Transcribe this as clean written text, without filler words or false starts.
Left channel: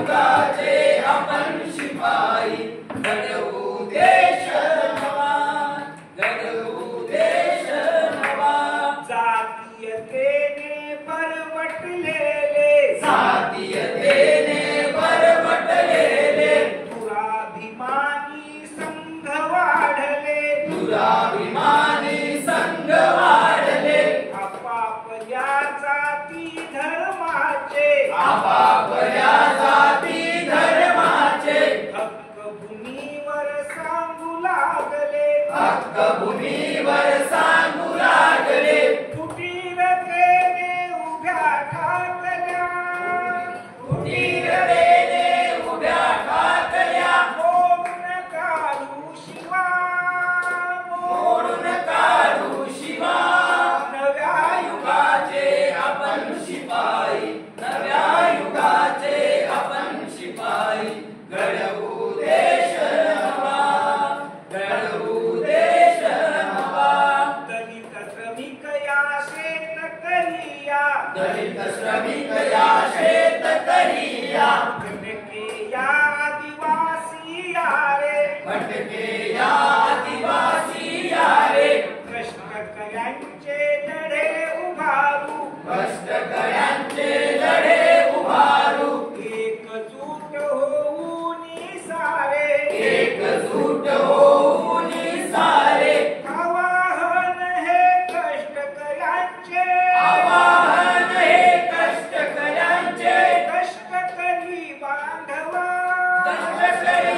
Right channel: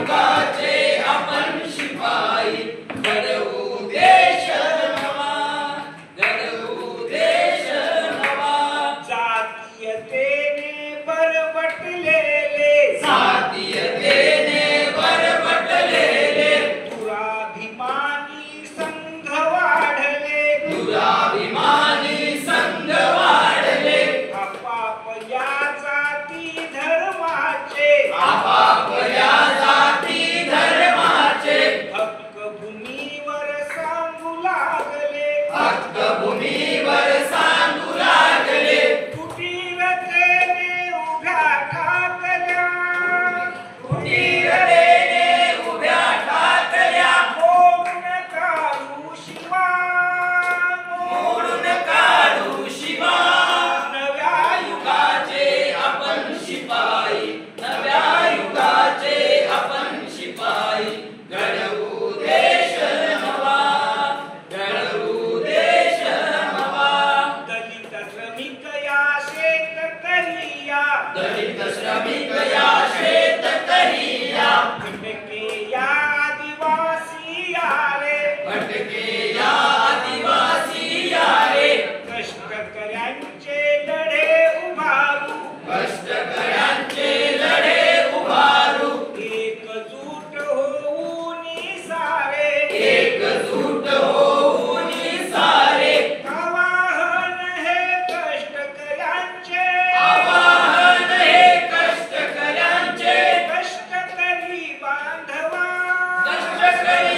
युगाचे आपण शिपाई घडवू देश नवा घडवू देश नवा जातीयतेने बरबटलेले जातीयतेने बरबटलेले दुराभिमानी संघ वाढले दुराभिमानी संघ वाढले आपापल्या जाती धर्माचे आपापल्या जाती धर्माचे हक्क भूमीवर सांगू लागले हक्क भूमीवर सांगू लागले कुटीरतेने उभ्या ठाकल्या कुटीरतेने उभ्या ठाकल्या मोडून काढू शिवा मोडून काढू शिवा नव्या युगाचे आपण शिपाई नव्या युगाचे आपण शिपाई घडवू देश नवा घडवू देश नवा दलित श्रमिक या शेतकरिया दलित श्रमिक या शेतकरिया भटके या आदिवासी यारे भटके या आदिवासी यारे कष्टकऱ्यांचे लढे उभारू कष्टकऱ्यांचे लढे उभारू एकजूट होऊन सारे एकजूट होऊन सारे आवाहन हे कष्टकऱ्यांचे आवाहन हे कष्टकऱ्यांचे कष्टकरी बांधवा कष्टकरी